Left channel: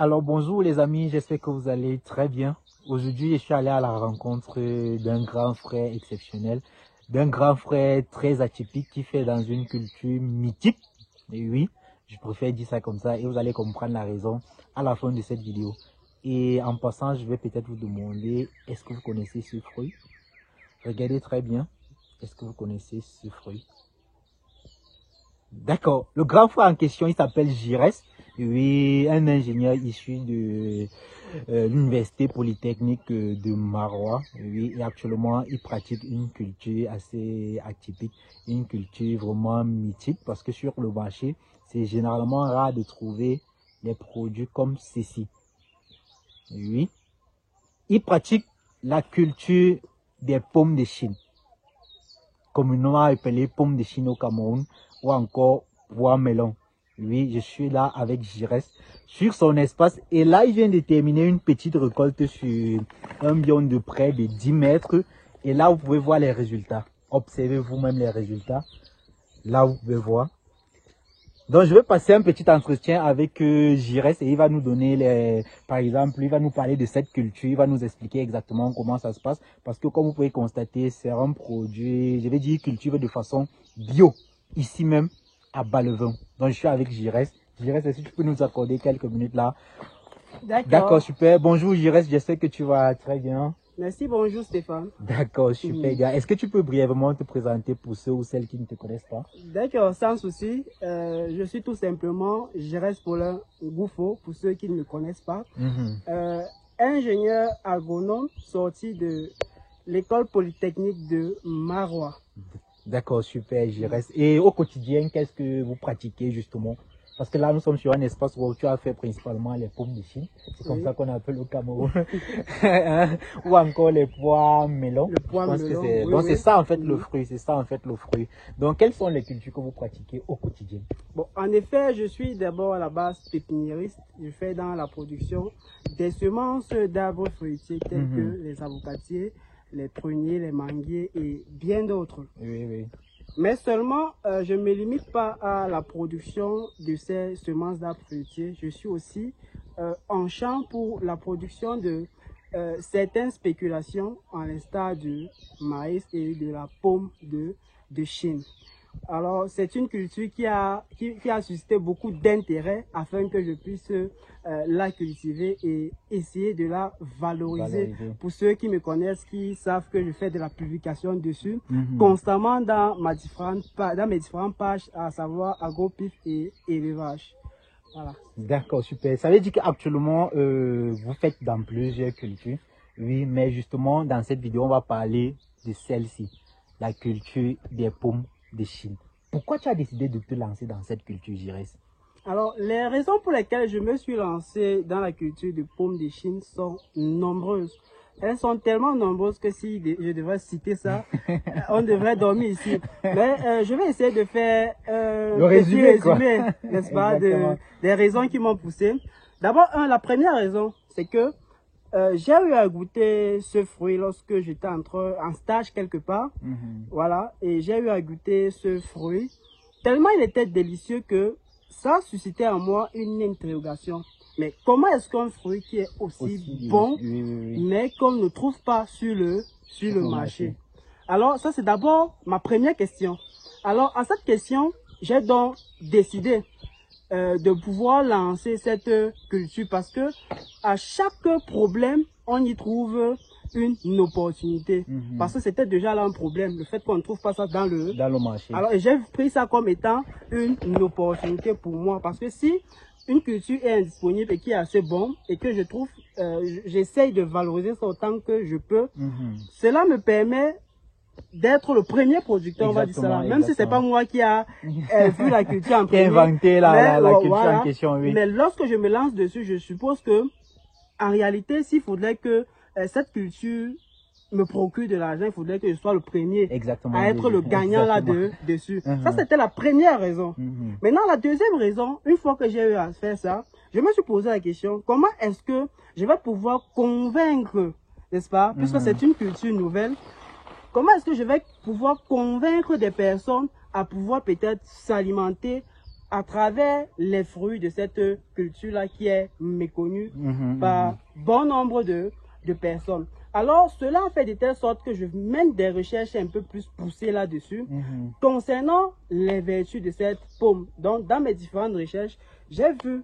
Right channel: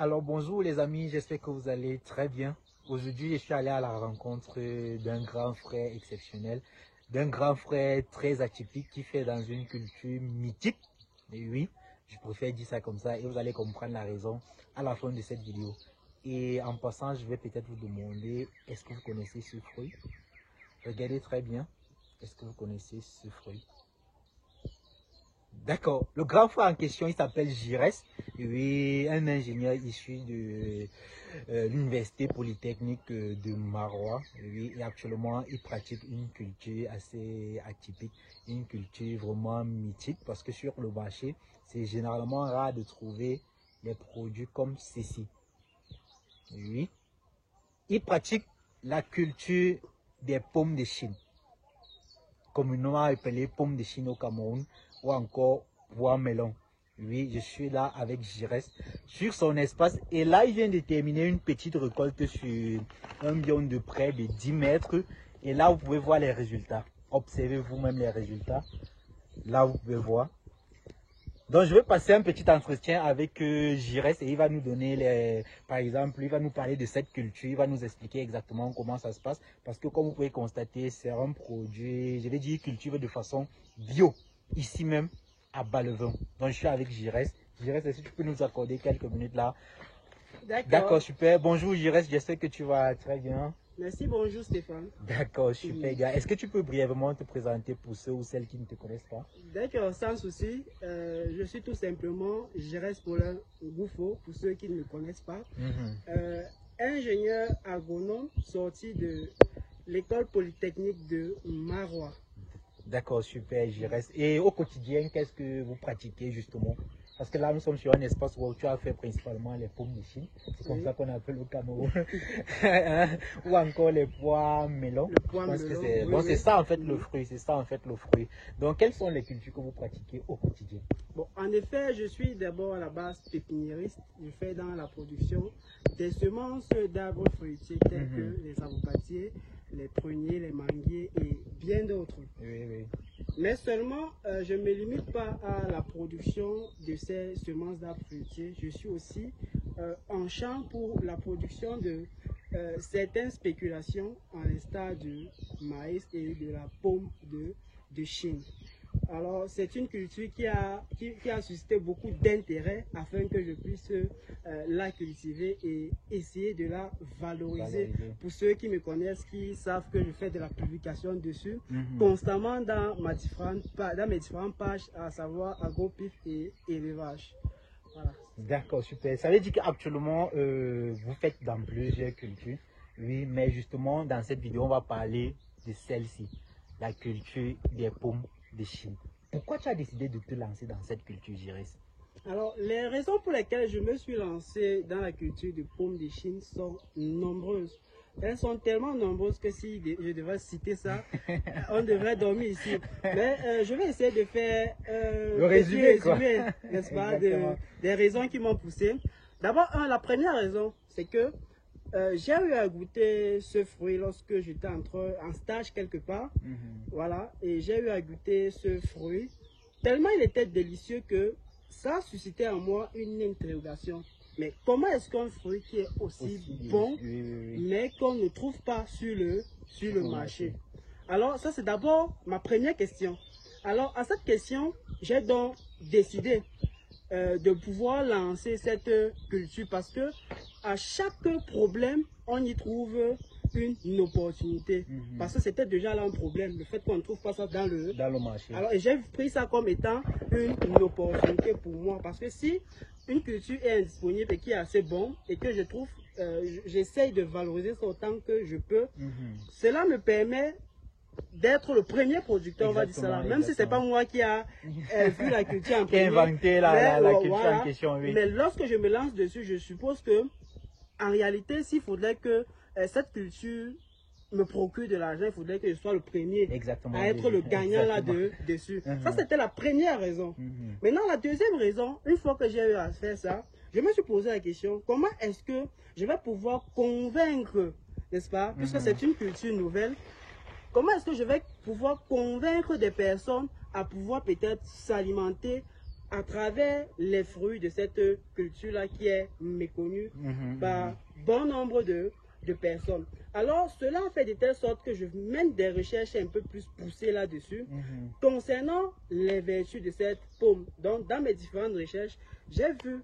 Alors bonjour les amis, j'espère que vous allez très bien. Aujourd'hui, je suis allé à la rencontre d'un grand frère exceptionnel, d'un grand frère très atypique qui fait dans une culture mythique. Et oui, je préfère dire ça comme ça et vous allez comprendre la raison à la fin de cette vidéo. Et en passant, je vais peut-être vous demander, est-ce que vous connaissez ce fruit? Regardez très bien, est-ce que vous connaissez ce fruit? D'accord. Le grand frère en question, il s'appelle Giresse. Oui, un ingénieur issu de l'université polytechnique de Marois. Oui, et actuellement, il pratique une culture assez atypique, une culture vraiment mythique parce que sur le marché, c'est généralement rare de trouver des produits comme ceci. Oui, il pratique la culture des pommes de Chine, communément appelées pommes de Chine au Cameroun, ou encore pois melon. Oui, je suis là avec Giresse sur son espace et là, il vient de terminer une petite récolte sur un biome de près de 10 mètres. Et là, vous pouvez voir les résultats. Observez vous-même les résultats. Là, vous pouvez voir. Donc, je vais passer un petit entretien avec Giresse et il va nous donner, par exemple, il va nous parler de cette culture, il va nous expliquer exactement comment ça se passe. Parce que comme vous pouvez constater, c'est un produit, je vais dire cultivé de façon bio, ici même à Ballevin. Donc, je suis avec Giresse. Giresse, est-ce que tu peux nous accorder quelques minutes là? D'accord, super. Bonjour Giresse, j'espère que tu vas très bien. Merci, bonjour Stéphane. D'accord, super gars. Est-ce que tu peux brièvement te présenter pour ceux ou celles qui ne te connaissent pas? D'accord, sans souci. Je suis tout simplement Giresse Paulin Goufo, pour ceux qui ne me connaissent pas. Ingénieur agronome sorti de l'école polytechnique de Marois. D'accord, super Giresse. Et au quotidien, qu'est-ce que vous pratiquez justement? Parce que là, nous sommes sur un espace où tu as fait principalement les pommes de Chine. C'est comme ça qu'on appelle au Cameroun. Ou encore les pois melons. Le pois melon. Oui, donc c'est ça en fait le fruit. C'est ça en fait le fruit. Donc quelles sont les cultures que vous pratiquez au quotidien? Bon, en effet, je suis d'abord à la base pépiniériste. Je fais dans la production des semences d'arbres fruitiers tels que les avocatiers, les pruniers, les manguiers et bien d'autres. Oui, oui. Mais seulement, je ne me limite pas à la production de ces semences d'arbres fruitiers. Je suis aussi en champ pour la production de certaines spéculations, en l'instar du maïs et de la pomme de Chine. Alors, c'est une culture qui a suscité beaucoup d'intérêt afin que je puisse la cultiver et essayer de la valoriser. Pour ceux qui me connaissent, qui savent que je fais de la publication dessus constamment dans mes différentes pages, à savoir agropif et élevage. Voilà. D'accord, super. Ça veut dire qu'actuellement, vous faites dans plusieurs cultures. Oui, mais justement, dans cette vidéo, on va parler de celle-ci, la culture des pommes de Chine. Pourquoi tu as décidé de te lancer dans cette culture, Giresse? Alors, les raisons pour lesquelles je me suis lancé dans la culture de pommes de Chine sont nombreuses. Elles sont tellement nombreuses que si je devais citer ça, on devrait dormir ici. Mais je vais essayer de faire le résumé, n'est-ce pas, des raisons qui m'ont poussé. D'abord, la première raison, c'est que j'ai eu à goûter ce fruit lorsque j'étais en stage quelque part. Voilà, et j'ai eu à goûter ce fruit. Tellement il était délicieux que ça a suscité en moi une interrogation. Mais comment est-ce qu'un fruit qui est aussi bon, mais qu'on ne trouve pas sur le marché? Alors, ça c'est d'abord ma première question. Alors, à cette question, j'ai donc décidé de pouvoir lancer cette culture parce que à chaque problème, on y trouve une opportunité. Parce que c'était déjà là un problème, le fait qu'on ne trouve pas ça dans le marché. Alors, j'ai pris ça comme étant une opportunité pour moi. Parce que si une culture est indisponible et qui est assez bon et que je trouve, j'essaye de valoriser ça autant que je peux, cela me permet d'être le premier producteur, on va dire ça, même si c'est pas moi qui a vu la culture en premier, inventé la culture en question, oui. Mais lorsque je me lance dessus, je suppose que en réalité, s'il faudrait que cette culture me procure de l'argent, il faudrait que je sois le premier à être le gagnant là-dessus. Ça, c'était la première raison. Maintenant, la deuxième raison, une fois que j'ai eu à faire ça, je me suis posé la question, comment est-ce que je vais pouvoir convaincre, n'est-ce pas, puisque c'est une culture nouvelle, comment est-ce que je vais pouvoir convaincre des personnes à pouvoir peut-être s'alimenter à travers les fruits de cette culture-là qui est méconnue par bon nombre de personnes. Alors, cela fait de telle sorte que je mène des recherches un peu plus poussées là-dessus concernant les vertus de cette pomme. Donc, dans mes différentes recherches, j'ai vu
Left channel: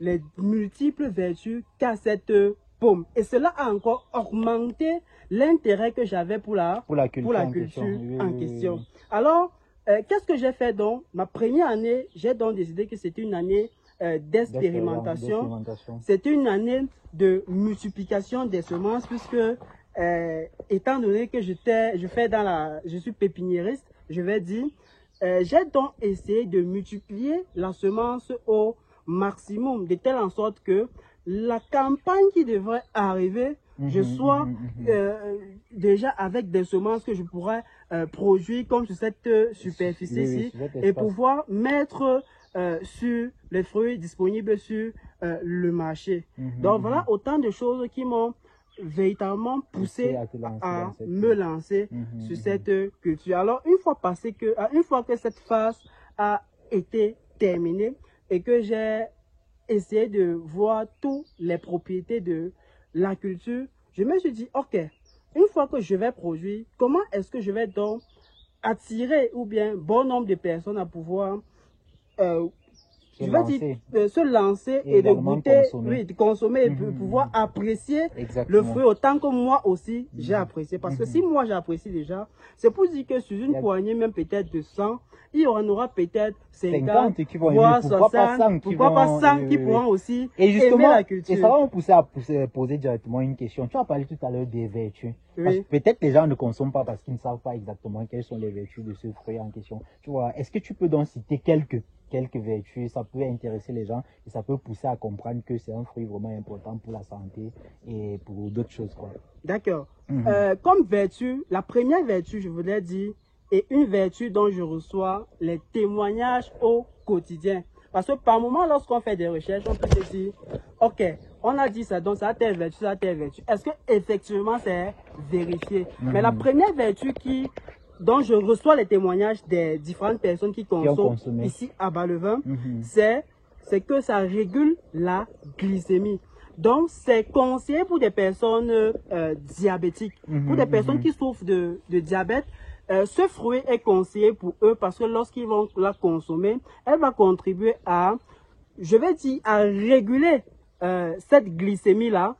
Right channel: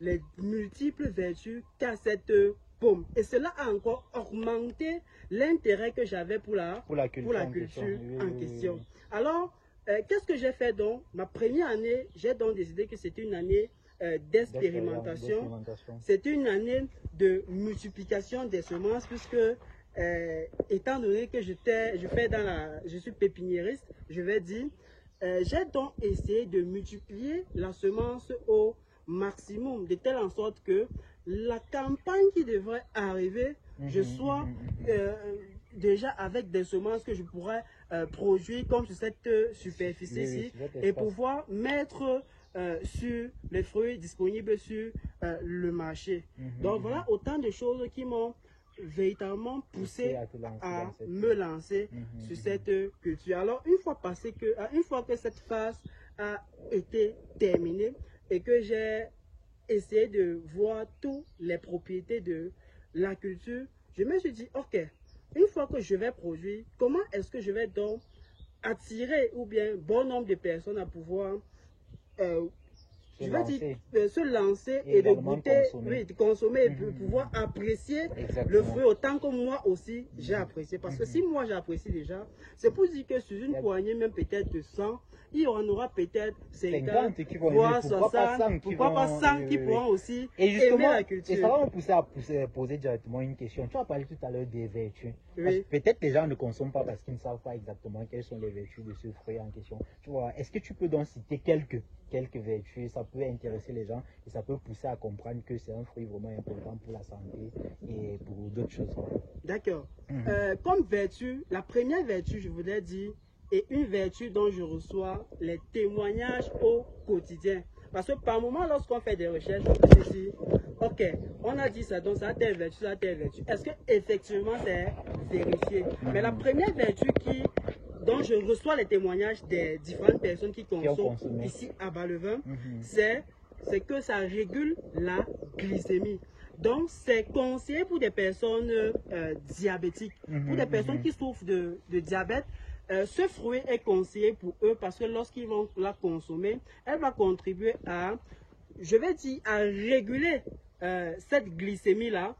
les multiples vertus qu'a cette pomme. Et cela a encore augmenté l'intérêt que j'avais pour la culture en question. Alors, qu'est-ce que j'ai fait donc? Ma première année, j'ai donc décidé que c'était une année d'expérimentation. C'était une année de multiplication des semences puisque, étant donné que je suis pépiniériste, je vais dire, j'ai donc essayé de multiplier la semence au maximum, de telle en sorte que la campagne qui devrait arriver, je sois déjà avec des semences que je pourrais produire comme sur cette superficie-ci et pouvoir mettre sur les fruits disponibles sur le marché. Donc voilà autant de choses qui m'ont véritablement poussé à me lancer sur cette culture. Alors une fois que cette phase a été terminée et que j'ai essayé de voir toutes les propriétés de la culture, je me suis dit, ok, une fois que je vais produire, comment est-ce que je vais donc attirer ou bien bon nombre de personnes à pouvoir se lancer et de goûter, de consommer et de pouvoir apprécier le fruit autant que moi aussi j'ai apprécié. Parce que si moi j'apprécie déjà, c'est pour dire que sur une poignée même peut-être de 100, il y en aura peut-être 50 qui vont voire 60, pourquoi pas 100 qui pourront aussi aimer la culture. Et ça va me pousser à poser directement une question. Tu as parlé tout à l'heure des vertus. Peut-être les gens ne consomment pas parce qu'ils ne savent pas exactement quelles sont les vertus de ce fruit en question. Tu vois, est-ce que tu peux donc citer quelques vertus? Ça peut intéresser les gens et ça peut pousser à comprendre que c'est un fruit vraiment important pour la santé et pour d'autres choses. D'accord. Comme vertu, la première vertu, je voudrais dire, est une vertu dont je reçois les témoignages au quotidien. Parce que par moment, lorsqu'on fait des recherches, on peut se dire, ok, on a dit ça, donc ça a telle vertu, ça a telle vertu. Est-ce que effectivement c'est vérifié? Mais la première vertu dont je reçois les témoignages des différentes personnes qui consomment ici à Bas-le-Vin, c'est que ça régule la glycémie. Donc, c'est conseillé pour des personnes diabétiques, pour des personnes qui souffrent de diabète. Ce fruit est conseillé pour eux parce que lorsqu'ils vont la consommer, elle va contribuer à, je vais dire, à réguler cette glycémie-là,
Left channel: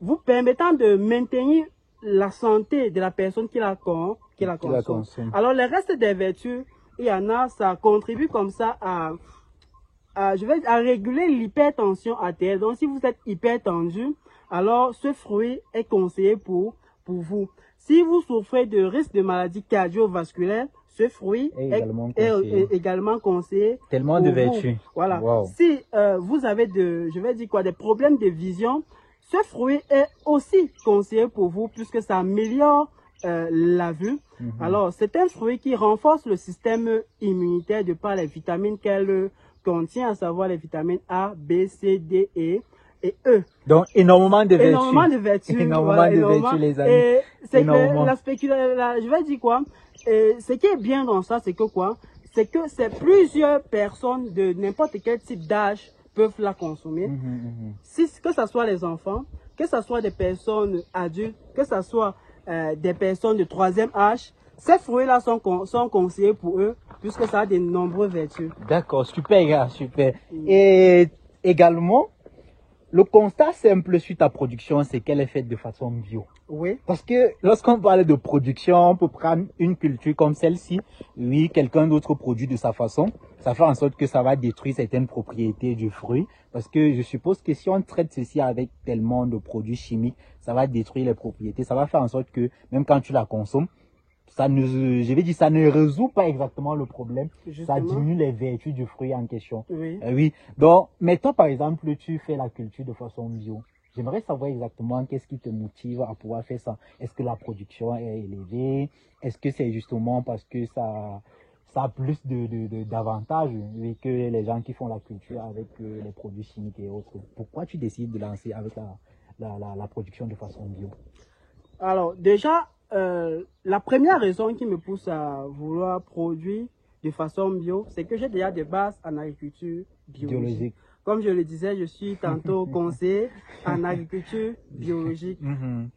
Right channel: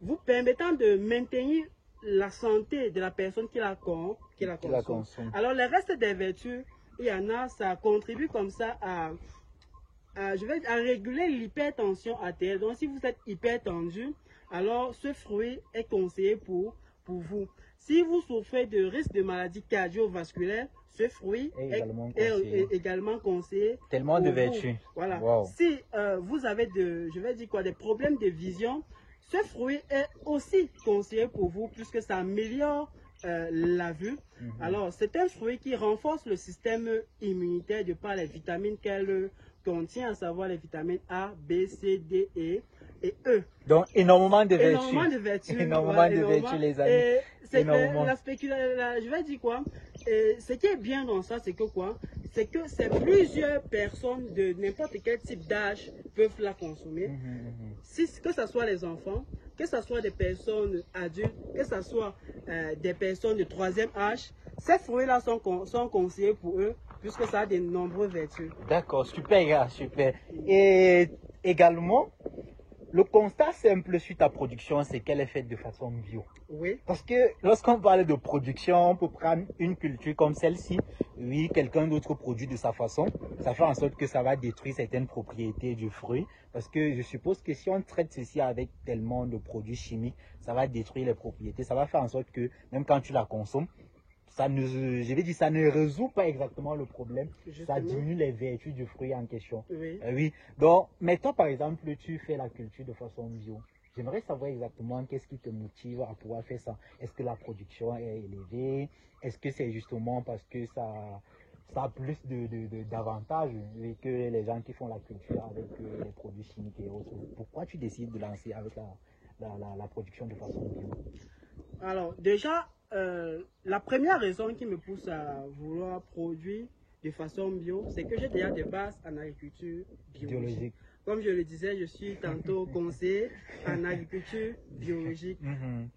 vous permettant de maintenir la santé de la personne qui la consomme. Alors, le reste des vertus, il y en a, ça contribue comme ça à réguler l'hypertension artérielle. Donc, si vous êtes hypertendu, alors ce fruit est conseillé pour vous. Si vous souffrez de risque de maladie cardiovasculaire, ce fruit est également conseillé. Tellement de vertus. Voilà. Si vous avez des problèmes de vision, ce fruit est aussi conseillé pour vous puisque ça améliore la vue. Alors, c'est un fruit qui renforce le système immunitaire de par les vitamines qu'elle contient, à savoir les vitamines A, B, C, D, E et E. Donc, énormément de vertus. Énormément de vertus. Énormément de vertus, les amis. Et c'est que je vais dire quoi? Ce qui est bien dans ça, c'est que quoi? C'est que c'est plusieurs personnes de n'importe quel type d'âge peuvent la consommer. Que ce soit les enfants, que ce soit des personnes adultes, que ce soit des personnes de 3e âge, ces fruits-là sont conseillés pour eux puisque ça a de nombreuses vertus. D'accord, super, super. Et également, le constat simple sur ta production, c'est qu'elle est faite de façon bio. Oui. Parce que lorsqu'on parle de production, on peut prendre une culture comme celle-ci. Oui, quelqu'un d'autre produit de sa façon. Ça fait en sorte que ça va détruire certaines propriétés du fruit. Parce que je suppose que si on traite ceci avec tellement de produits chimiques, ça va détruire les propriétés. Ça va faire en sorte que même quand tu la consommes, ça ne résout pas exactement le problème. Justement. Ça diminue les vertus du fruit en question. Oui. Oui. Donc, mettons par exemple, tu fais la culture de façon bio. J'aimerais savoir exactement qu'est-ce qui te motive à pouvoir faire ça. Est-ce que la production est élevée? Est-ce que c'est justement parce que ça a plus d'avantages que les gens qui font la culture avec les produits chimiques et autres? Pourquoi tu décides de lancer avec la production de façon bio? Alors, déjà, la première raison qui me pousse à vouloir produire de façon bio, c'est que j'ai déjà des bases en agriculture biologique. Comme je le disais, je suis tantôt conseiller en agriculture biologique.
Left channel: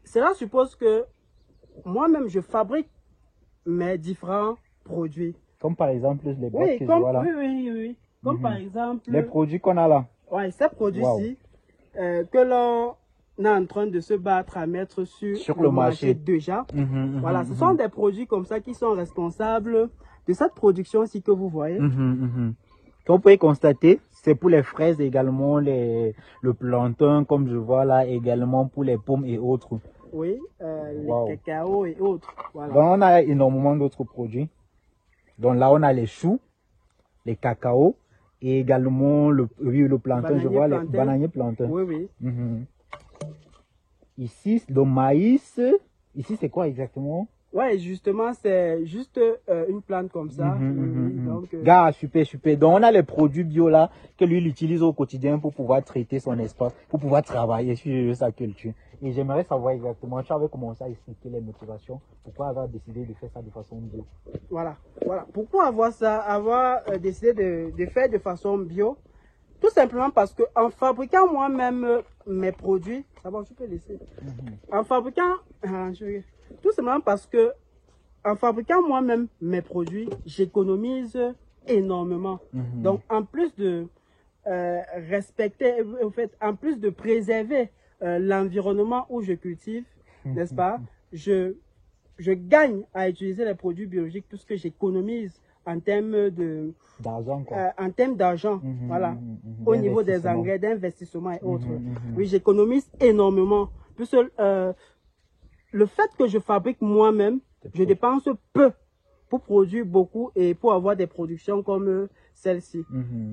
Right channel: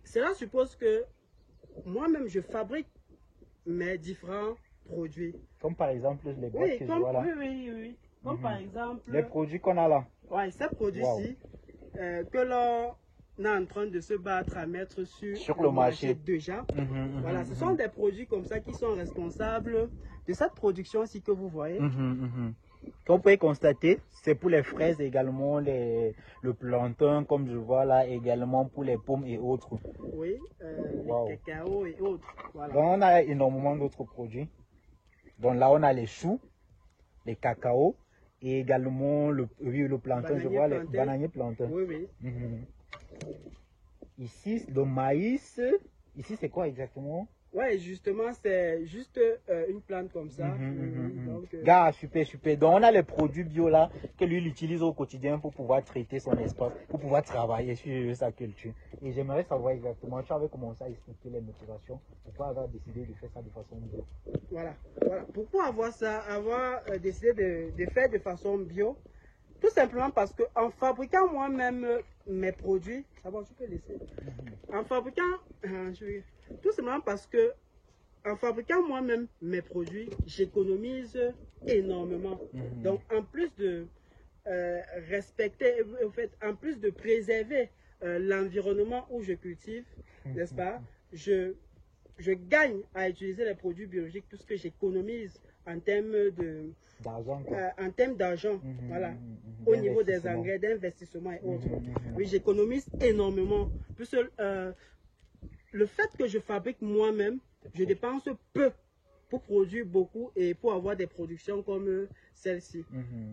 Cela suppose que moi-même, je fabrique mes différents produits. Comme par exemple les boîtes que je vois là. Oui. Comme par exemple... les produits qu'on a là. Oui, ces produits-ci que l'on est en train de se battre à mettre sur le marché déjà. Voilà, ce sont des produits comme ça qui sont responsables de cette production-ci que vous voyez. Comme vous pouvez constater, c'est pour les fraises également, le plantain, comme je vois là, également pour les pommes et autres. Oui, les cacao et autres. Voilà. Donc, on a énormément d'autres produits. Donc là, on a les choux, les cacao et également le plantain. Bananier, je vois plantain. les bananiers plantain. Oui. Ici, le maïs. Ici, c'est quoi exactement? Ouais, justement, c'est juste une plante comme ça. Donc, Gars, super. Donc, on a les produits bio là que lui il utilise au quotidien pour pouvoir traiter son espace, pour pouvoir travailler sur sa culture. Et j'aimerais savoir exactement, tu avais commencé à expliquer les motivations, pourquoi avoir décidé de faire ça de façon bio. Voilà. Pourquoi avoir décidé de faire de façon bio? Tout simplement parce que en fabriquant moi-même mes produits, ça va, tu peux laisser. En fabriquant, tout simplement parce que en fabriquant moi-même mes produits, j'économise énormément. Donc, en plus de respecter, en fait, en plus de préserver l'environnement où je cultive, n'est-ce pas, je gagne à utiliser les produits biologiques puisque j'économise en termes d'argent, voilà, au niveau des engrais, d'investissement et autres. Oui, j'économise énormément. Puisque le fait que je fabrique moi-même, je dépense peu pour produire beaucoup et pour avoir des productions comme celle-ci.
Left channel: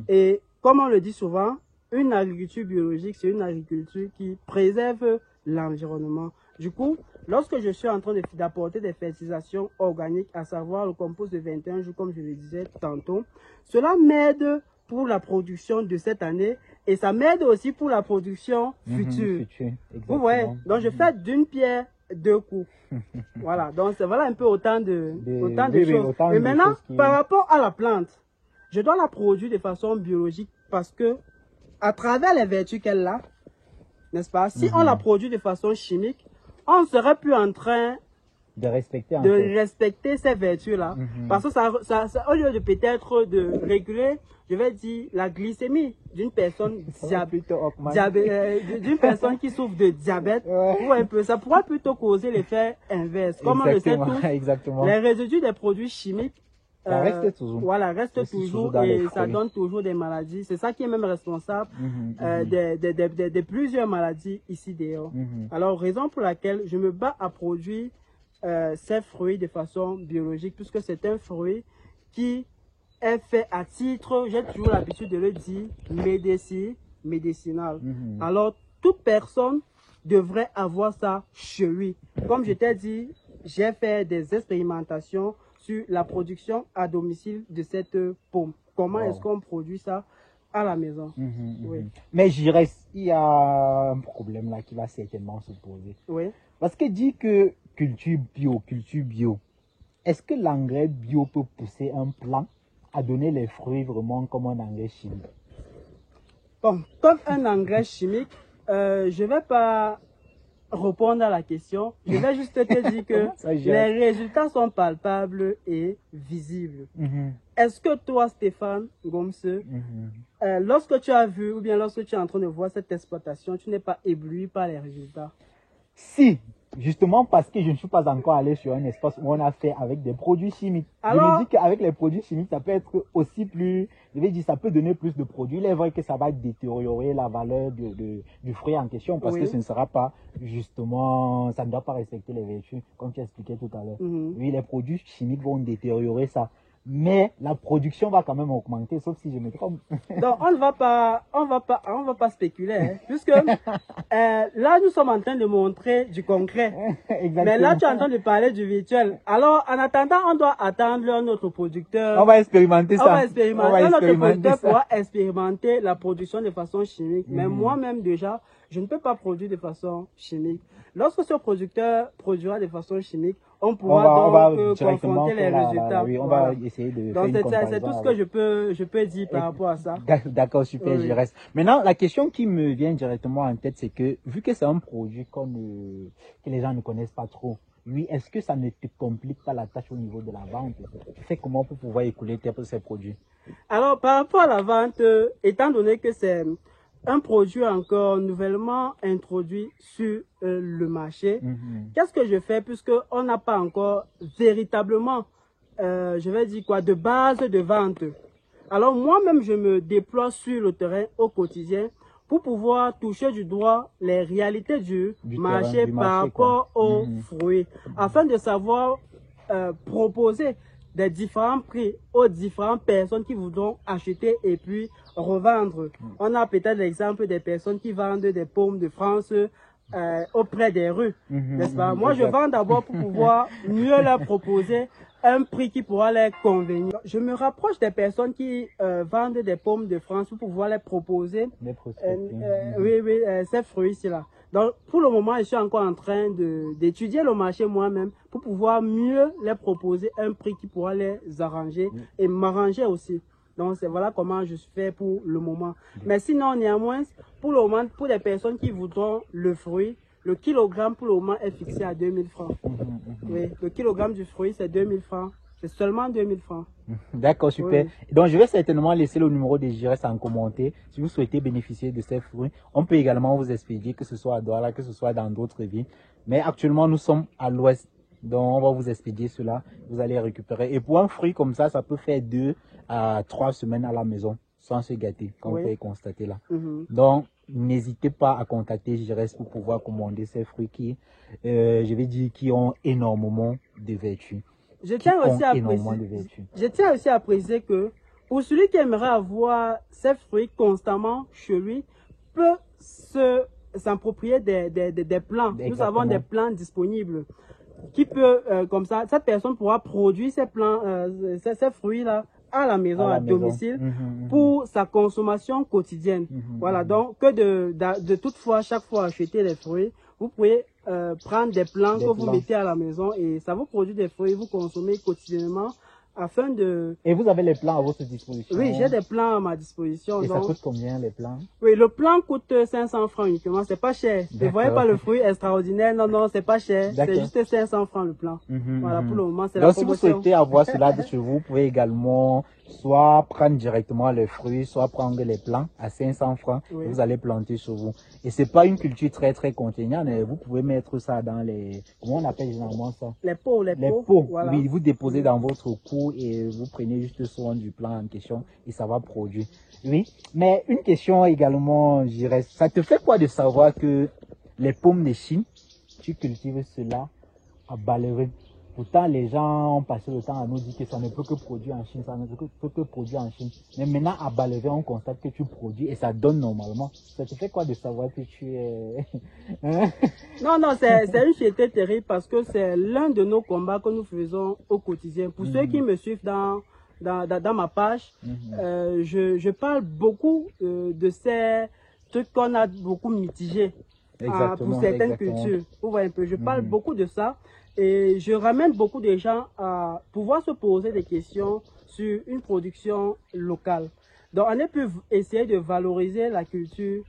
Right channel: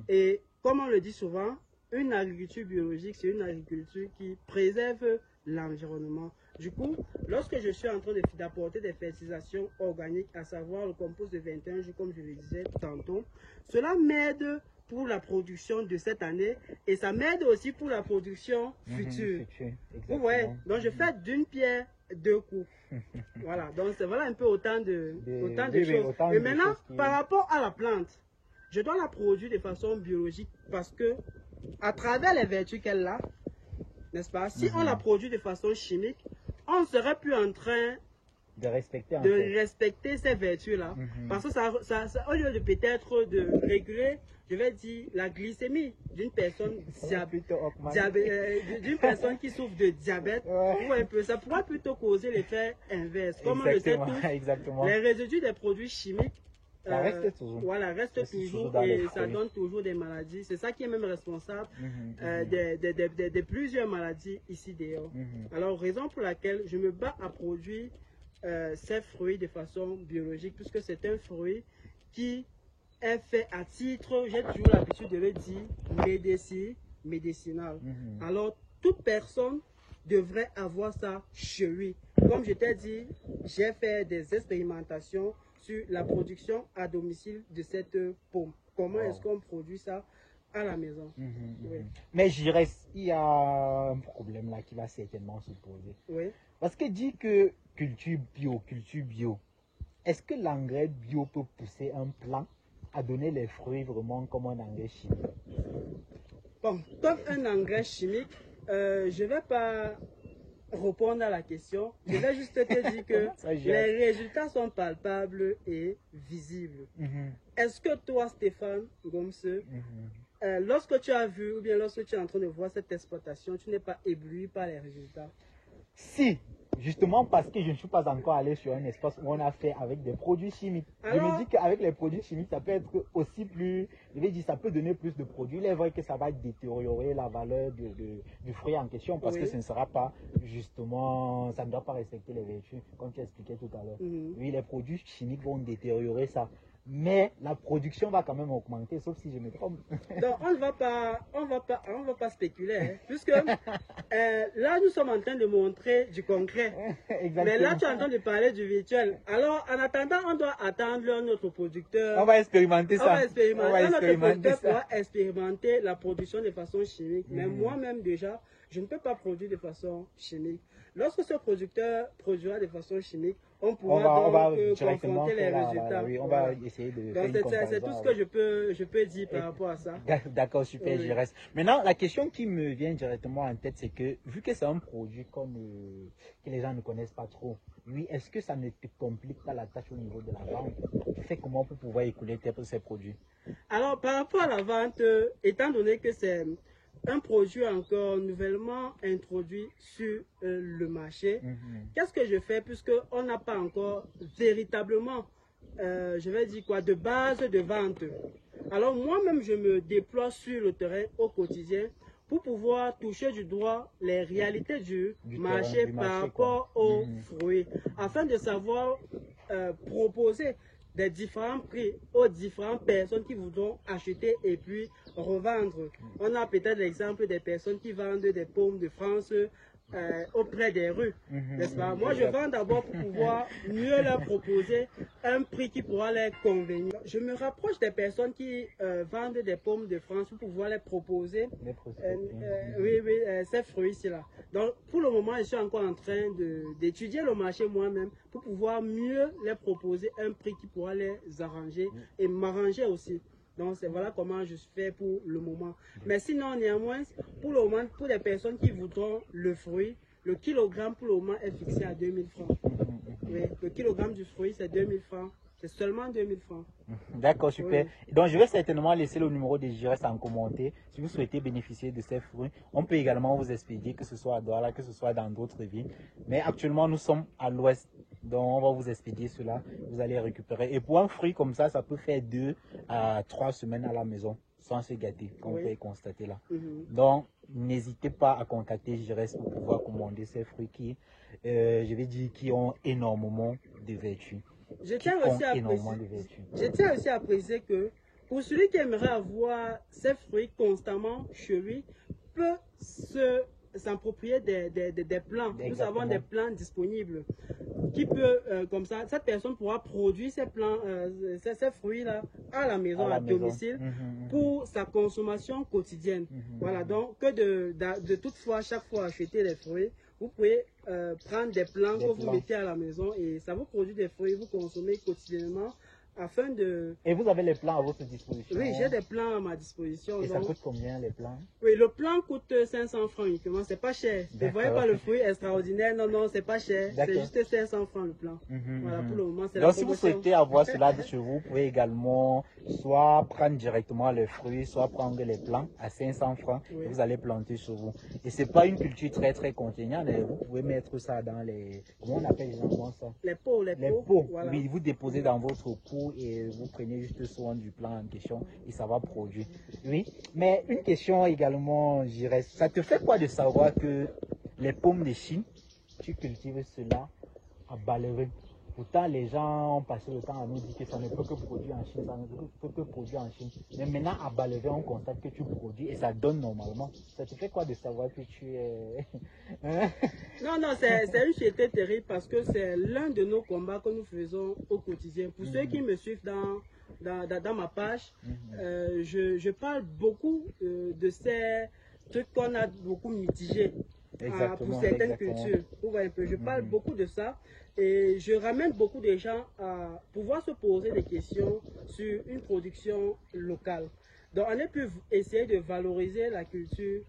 Et comme on le dit souvent, une agriculture biologique, c'est une agriculture qui préserve l'environnement. Du coup, lorsque je suis en train d'apporter des fertilisations organiques, à savoir le compost de 21 jours, comme je le disais tantôt, cela m'aide pour la production de cette année et ça m'aide aussi pour la production future. Vous voyez, donc je fais d'une pierre deux coups. Voilà, donc c'est voilà un peu autant de choses. Et maintenant, par rapport à la plante, je dois la produire de façon biologique parce que à travers les vertus qu'elle a, n'est-ce pas, si on la produit de façon chimique, on ne serait plus en train de respecter ces vertus-là. Parce que ça, au lieu de peut-être de réguler, je vais dire, la glycémie d'une personne d'une personne qui souffre de diabète, ou un peu, ça pourrait plutôt causer l'effet inverse. Comme on le sait tous, les résidus des produits chimiques reste toujours. Voilà, reste toujours et ça donne toujours des maladies. C'est ça qui est même responsable de plusieurs maladies ici dehors. Alors, raison pour laquelle je me bats à produire ces fruits de façon biologique, puisque c'est un fruit qui est fait à titre, j'ai toujours l'habitude de le dire, médicinal. Alors, toute personne devrait avoir ça chez lui. Comme je t'ai dit, j'ai fait des expérimentations sur la production à domicile de cette pomme. Comment est-ce qu'on produit ça à la maison? Mais je dirais qu'il y a un problème là qui va certainement se poser. Parce que dit que culture bio, est-ce que l'engrais bio peut pousser un plant à donner les fruits vraiment comme un engrais chimique? Bon, comme un engrais chimique, je ne vais pas répondre à la question. Je vais juste te dire que les résultats sont palpables et visibles. Est-ce que toi, Stéphane Gomse, lorsque tu as vu ou bien lorsque tu es en train de voir cette exploitation, tu n'es pas ébloui par les résultats? Si, justement parce que je ne suis pas encore allé sur un espace où on a fait avec des produits chimiques. Alors, je me dis qu'avec les produits chimiques, ça peut être aussi plus, je vais dire, ça peut donner plus de produits. Il est vrai que ça va détériorer la valeur du fruit en question parce que ce ne sera pas, justement, ça ne doit pas respecter les vertus, comme tu expliquais tout à l'heure. Oui, les produits chimiques vont détériorer ça. Mais la production va quand même augmenter, sauf si je me trompe. Donc, on ne va pas spéculer, hein, puisque là, nous sommes en train de montrer du concret. Mais là, tu es en train de parler du virtuel. Alors, en attendant, on doit attendre notre producteur. On va expérimenter ça. On va expérimenter. Notre producteur pourra expérimenter la production de façon chimique. Mais moi-même, déjà, je ne peux pas produire de façon chimique. Lorsque ce producteur produira de façon chimique, on pourra donc confronter les résultats. Oui, on va essayer de donc c'est tout ce que je peux dire par rapport à ça. D'accord, super, je reste. Maintenant, la question qui me vient directement en tête, c'est que vu que c'est un produit que les gens ne connaissent pas trop, oui, est-ce que ça ne te complique pas la tâche au niveau de la vente? Tu fais comment pour pouvoir écouler ces produits? Alors, par rapport à la vente, étant donné que c'est un produit encore nouvellement introduit sur le marché, qu'est-ce que je fais puisqu'on n'a pas encore véritablement, je vais dire quoi, de base de vente. Alors, moi-même, je me déploie sur le terrain au quotidien pour pouvoir toucher du doigt les réalités du marché par rapport aux fruits, afin de savoir proposer des différents prix aux différentes personnes qui voudront acheter et puis revendre. On a peut-être l'exemple des personnes qui vendent des pommes de France auprès des rues, n'est-ce pas? Moi, je vends d'abord pour pouvoir mieux leur proposer un prix qui pourra leur convenir. Je me rapproche des personnes qui vendent des pommes de France pour pouvoir leur proposer ces fruits-ci-là. Donc, pour le moment, je suis encore en train d'étudier le marché moi-même pour pouvoir mieux leur proposer un prix qui pourra les arranger et m'arranger aussi. Donc, c'est voilà comment je fais pour le moment. Mais sinon, néanmoins, pour le moment, pour les personnes qui voudront le fruit, le kilogramme pour le moment est fixé à 2000 francs. Oui, le kilogramme du fruit, c'est 2000 francs. C'est seulement 2000 francs. D'accord, super. Oui. Donc, je vais certainement laisser le numéro des GIRES en commenter. Si vous souhaitez bénéficier de ces fruits, on peut également vous expédier, que ce soit à Douala, que ce soit dans d'autres villes. Mais actuellement, nous sommes à l'ouest. Donc, on va vous expédier cela. Vous allez récupérer. Et pour un fruit comme ça peut faire 2 à 3 semaines à la maison, sans se gâter, comme vous pouvez constater là. Donc, n'hésitez pas à contacter GIRES pour pouvoir commander ces fruits qui, je vais dire, qui ont énormément de vertus. Je tiens aussi à préciser que pour celui qui aimerait avoir ces fruits constamment chez lui, peut s'approprier des plants. Exactement. Nous avons des plants disponibles qui peut, comme ça, cette personne pourra produire ces plants, ces fruits-là à la maison, à domicile, pour sa consommation quotidienne. Voilà, donc que de toutefois, chaque fois acheter des fruits, vous pouvez prendre des plants que vous mettez à la maison et ça vous produit des fruits, vous consommez quotidiennement afin de... Et vous avez les plants à votre disposition? Oui, j'ai des plants à ma disposition. Et donc, ça coûte combien les plants? Oui, le plant coûte 500 francs uniquement, c'est pas cher. Ne voyez pas le fruit extraordinaire, non, non, c'est pas cher. C'est juste 500 francs le plant. Voilà, pour le moment, c'est la promotion. Si vous souhaitez avoir cela de chez vous, vous pouvez également soit prendre directement les fruits, soit prendre les plants à 500 francs que vous allez planter chez vous. Et c'est pas une culture très contraignante, mais vous pouvez mettre ça dans les... Comment on appelle généralement ça? Les pots. Voilà. Oui, vous déposez dans votre pot et vous prenez juste soin du plant en question et ça va produire. Oui, mais une question également, je dirais, ça te fait quoi de savoir que les pommes de Chine, tu cultives cela à Ballerin? Pourtant, les gens ont passé le temps à nous dire que ça ne peut que produire en Chine, ça ne peut que produire en Chine. Mais maintenant, à Ballerin, on constate que tu produis et ça donne normalement. Ça te fait quoi de savoir que tu es... Non, c'est une fierté terrible parce que c'est l'un de nos combats que nous faisons au quotidien. Pour ceux qui me suivent dans ma page, je parle beaucoup de ces trucs qu'on a beaucoup mitigés pour certaines cultures. Vous voyez un peu, je parle beaucoup de ça. Et je ramène beaucoup de gens à pouvoir se poser des questions sur une production locale. Donc, on a pu essayer de valoriser la culture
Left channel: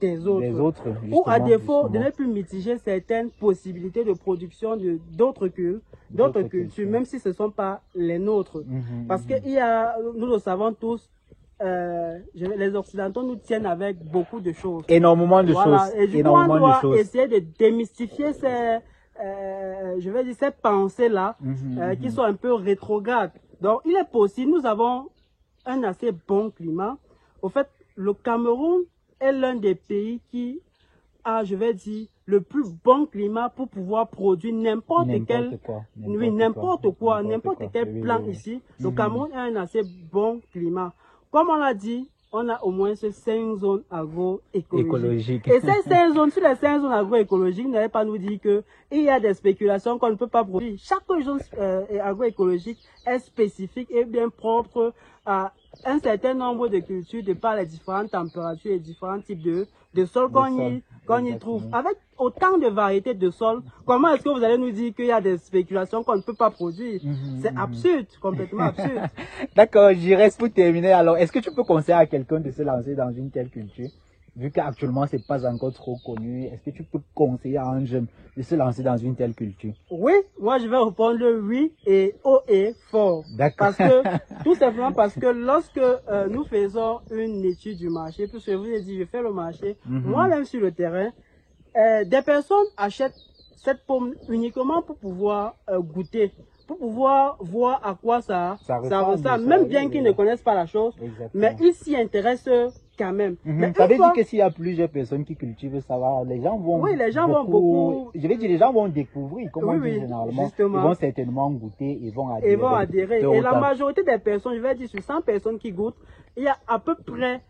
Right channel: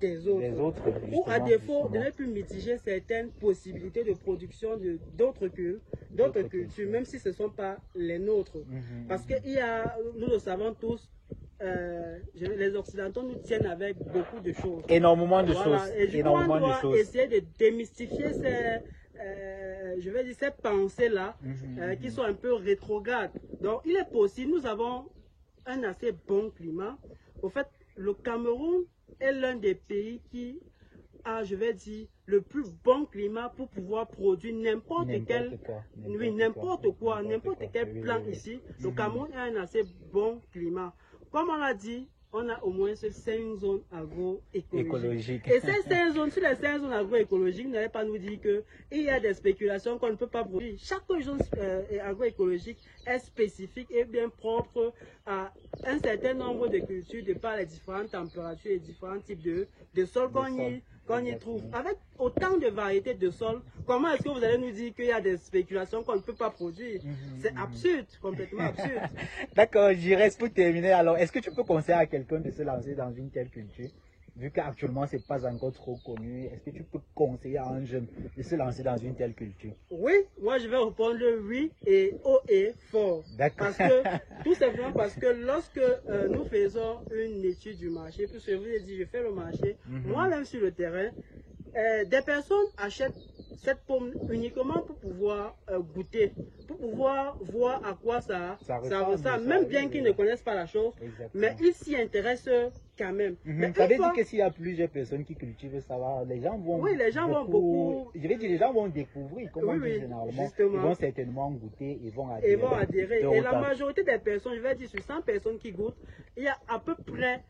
des autres. Ou à défaut de ne plus mitiger certaines possibilités de production d'autres cultures, même si ce ne sont pas les nôtres. Parce que nous le savons tous, les Occidentaux nous tiennent avec beaucoup de choses. Énormément de choses. Et du coup, on doit essayer de démystifier je vais dire ces pensées-là qui sont un peu rétrogrades. Donc, il est possible, nous avons un assez bon climat. Au fait, le Cameroun est l'un des pays qui a, je vais dire, le plus bon climat pour pouvoir produire n'importe quel plant ici. Le Cameroun a un assez bon climat. Comme on l'a dit, on a au moins 5 zones agroécologiques. Et ces 5 zones, sur les 5 zones agroécologiques, n'allez pas nous dire qu'il y a des spéculations qu'on ne peut pas produire. Chaque zone agroécologique est spécifique et bien propre à un certain nombre de cultures de par les différentes températures et différents types de sols qu'on y qu'on y trouve. Avec autant de variétés de sols, comment est-ce que vous allez nous dire qu'il y a des spéculations qu'on ne peut pas produire? C'est absurde, complètement absurde. D'accord, j'y reste pour terminer. Alors, est-ce que tu peux conseiller à quelqu'un de se lancer dans une telle culture? Vu qu'actuellement, ce n'est pas encore trop connu, est-ce que tu peux conseiller à un jeune de se lancer dans une telle culture? Oui, moi je vais répondre oui et haut et fort. D'accord. Tout simplement parce que lorsque nous faisons une étude du marché, puisque je vous ai dit, je fais le marché, moi-même sur le terrain, des personnes achètent cette pomme uniquement pour pouvoir goûter, pour pouvoir voir à quoi ça ressemble, même bien qu'ils ne connaissent pas la chose, mais ils s'y intéressent quand même. Mais ça veut dire que s'il y a plusieurs personnes qui cultivent ça, les gens vont, vont beaucoup. Je veux dire, les gens vont découvrir, comment on dit généralement. Justement. Ils vont certainement goûter et vont adhérer. Et la majorité des personnes, je vais dire sur 100 personnes qui goûtent, il y a à peu près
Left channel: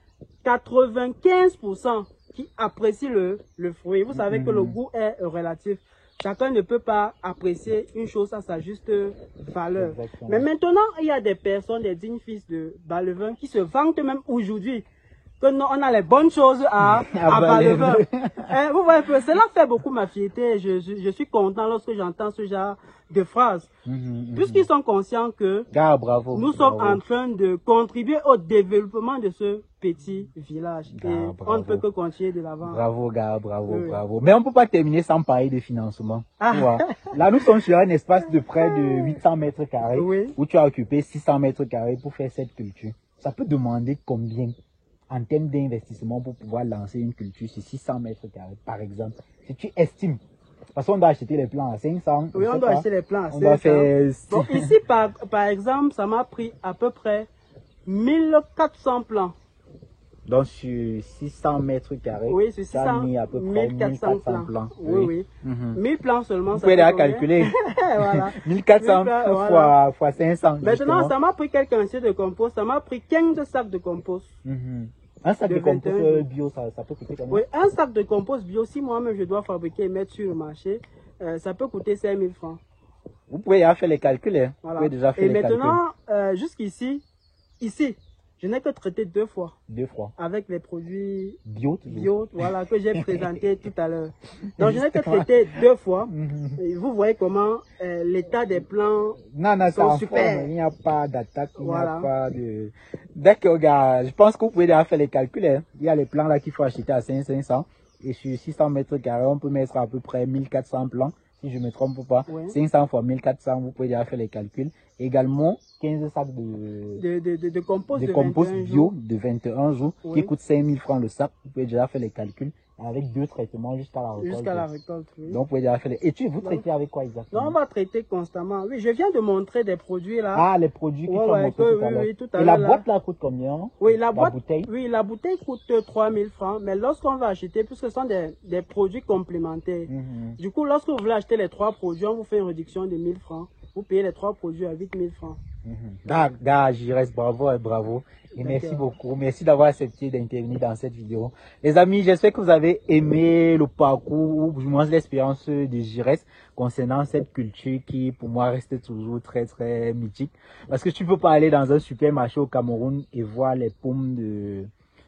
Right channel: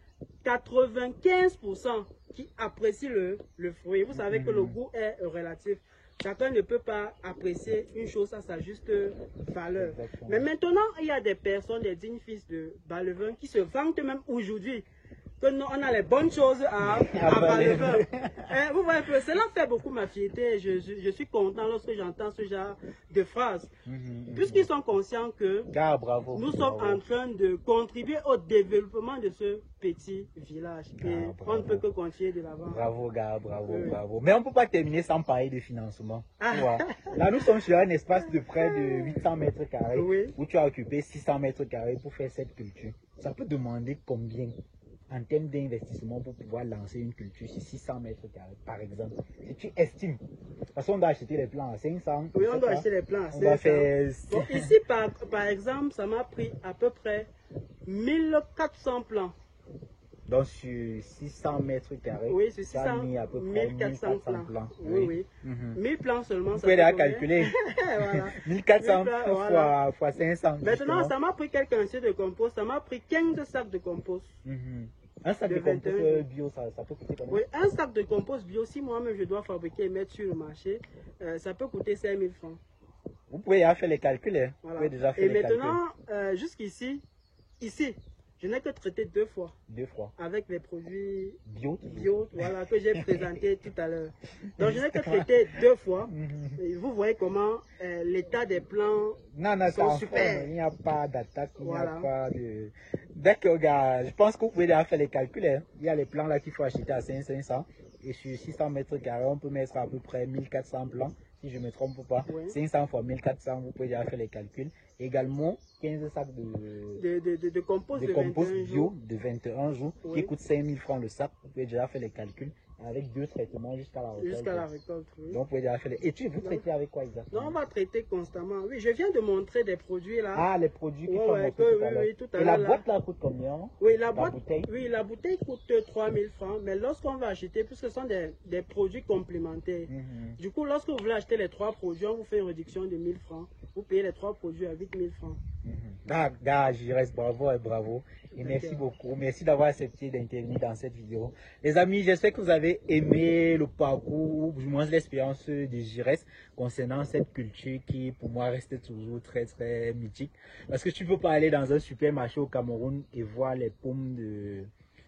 95% qui apprécient le fruit. Vous savez que le goût est relatif. Chacun ne peut pas apprécier une chose à sa juste valeur. Exactement. Mais maintenant, il y a des personnes, des dignes fils de Bas-le-Vin qui se vantent même aujourd'hui que non, on a les bonnes choses à Bas-le-Vin. Vous voyez que cela fait beaucoup ma fierté. Je suis content lorsque j'entends ce genre de phrases. Puisqu'ils sont conscients que nous sommes en train de contribuer au développement de ce petit village. Et on ne peut que continuer de l'avant. Bravo, gars, bravo. Mais on ne peut pas terminer sans parler de financement. Là, nous sommes sur un espace de près de 800 mètres carrés où tu as occupé 600 mètres carrés pour faire cette culture. Ça peut demander combien en termes d'investissement pour pouvoir lancer une culture sur 600 mètres carrés, par exemple? Si tu estimes, parce qu'on doit acheter les plants à 500. Oui, on doit acheter les plants à 500. Bon, ici, par exemple, ça m'a pris à peu près 1400 plants. Donc, sur 600 mètres carrés, oui, sur 600, mis à peu près 1400 plants. Oui. 1000 plants seulement. Vous pouvez déjà calculer. Voilà. 1400 fois 500. Maintenant, ça m'a pris quelques quantités de compost. Ça m'a pris 15 sacs de compost. Un sac de compost bio, ça peut coûter combien? Oui, un sac de compost bio, si moi-même je dois fabriquer et mettre sur le marché, ça peut coûter 5000 francs. Vous pouvez déjà faire les calculs. Hein? Voilà. Vous pouvez déjà faire et les maintenant, jusqu'ici, je n'ai que traité 2 fois. 2 fois. Avec les produits bio, voilà, que j'ai présenté tout à l'heure. Donc, je n'ai que traité 2 fois. Et vous voyez comment l'état des plants sont super. Il n'y a pas d'attaque, il n'y a pas de... D'accord, gars, je pense que vous pouvez déjà faire les calculs. Hein. Il y a les plants là qu'il faut acheter à 500. Et sur 600 mètres carrés, on peut mettre à peu près 1400 plants. Si je ne me trompe pas, 500 fois 1400, vous pouvez déjà faire les calculs. Également, 15 sacs de compost bio de 21 jours qui coûte 5000 francs le sac. Vous pouvez déjà faire les calculs avec 2 traitements jusqu'à la récolte. Jusqu'à la récolte, oui. Donc, vous pouvez déjà faire les... Et vous traitez avec quoi exactement? Non, on va traiter constamment. Oui, je viens de montrer des produits là. Ah, les produits qui sont montrés tout à l'heure. Oui, tout à l'heure. Et la boîte là coûte combien? Oui, la bouteille. Oui, la bouteille coûte 3000 francs. Mais lorsqu'on va acheter, puisque ce sont des produits complémentaires, du coup, lorsque vous voulez acheter les 3 produits, on vous fait une réduction de 1000 francs. Vous payez les 3 produits à 8000 francs. Gars, j'y reste, bravo et bravo. Et merci beaucoup. Merci d'avoir accepté d'intervenir dans cette vidéo. Les amis, j'espère que vous avez aimé le parcours, ou du moins l'expérience de Giresse concernant cette culture qui, pour moi, reste toujours très, très mythique. Parce que tu ne peux pas aller dans un supermarché au Cameroun et voir les pommes de...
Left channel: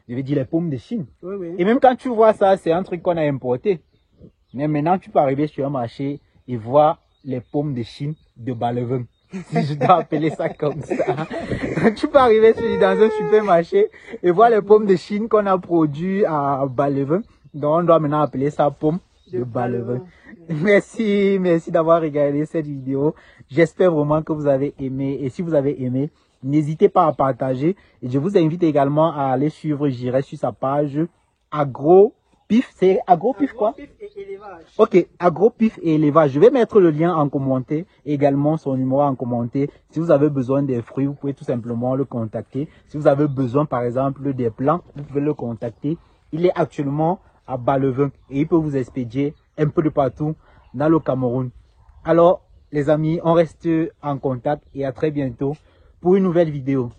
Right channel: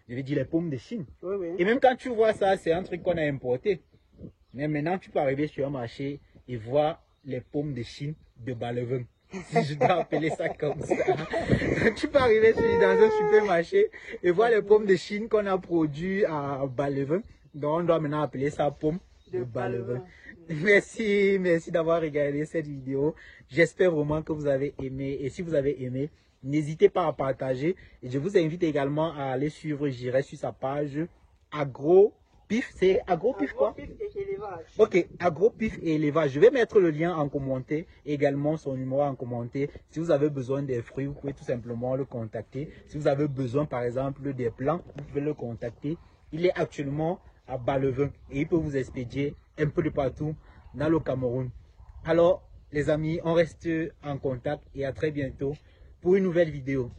Je vais dire les pommes de Chine. Et même quand tu vois ça, c'est un truc qu'on a importé. Mais maintenant, tu peux arriver sur un marché et voir les pommes de Chine de Bas-le-Vin. Si je dois appeler ça comme ça. Tu peux arriver dans un supermarché et voir les pommes de Chine qu'on a produites à Bas-le-Vin. Donc on doit maintenant appeler ça pomme de Bas-le-Vin. Merci d'avoir regardé cette vidéo. J'espère vraiment que vous avez aimé. Et si vous avez aimé, n'hésitez pas à partager. Et je vous invite également à aller suivre Giresse sur sa page AgroPif. C'est AgroPif quoi? Ok, AgroPif et élevage. Je vais mettre le lien en commentaire, également son numéro en commentaire. Si vous avez besoin des fruits, vous pouvez tout simplement le contacter. Si vous avez besoin par exemple des plants, vous pouvez le contacter. Il est actuellement à Bas-le-Vin et il peut vous expédier un peu de partout dans le Cameroun. Alors les amis, on reste en contact et à très bientôt pour une nouvelle vidéo.